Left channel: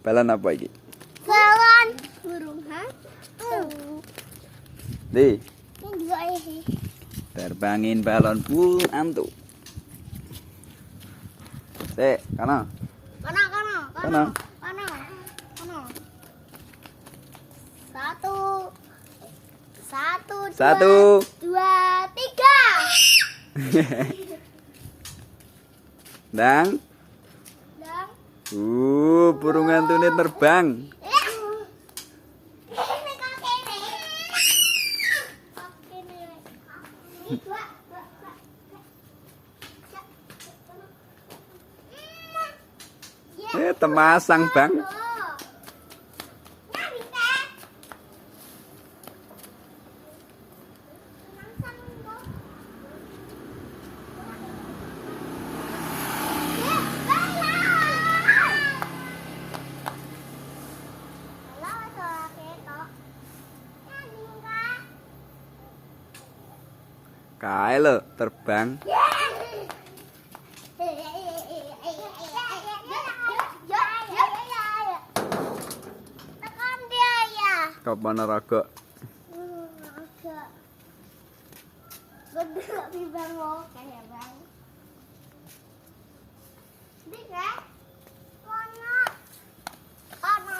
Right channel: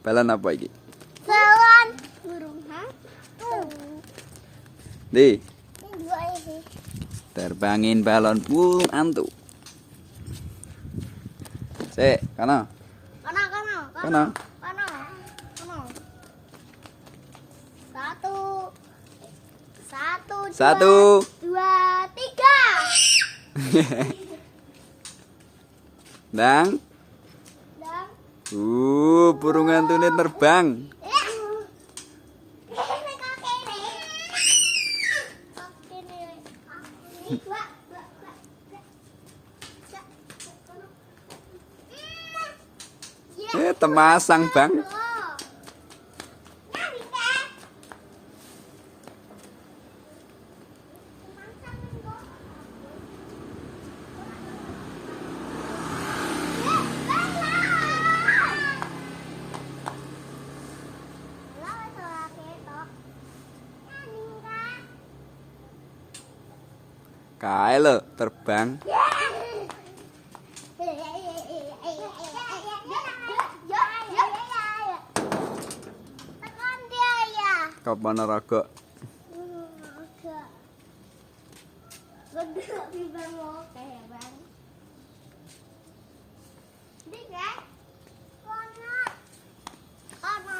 Balon apa iki? Balon burung Di. dua ini. Terbangin balon burung hantu. Sik, kana. Kono. Kono. Satu. Dua, tiga. Dang. Burung hantu ini terbang. Temasang, Bang. Kae lho terbang. Kapan raga? Kono.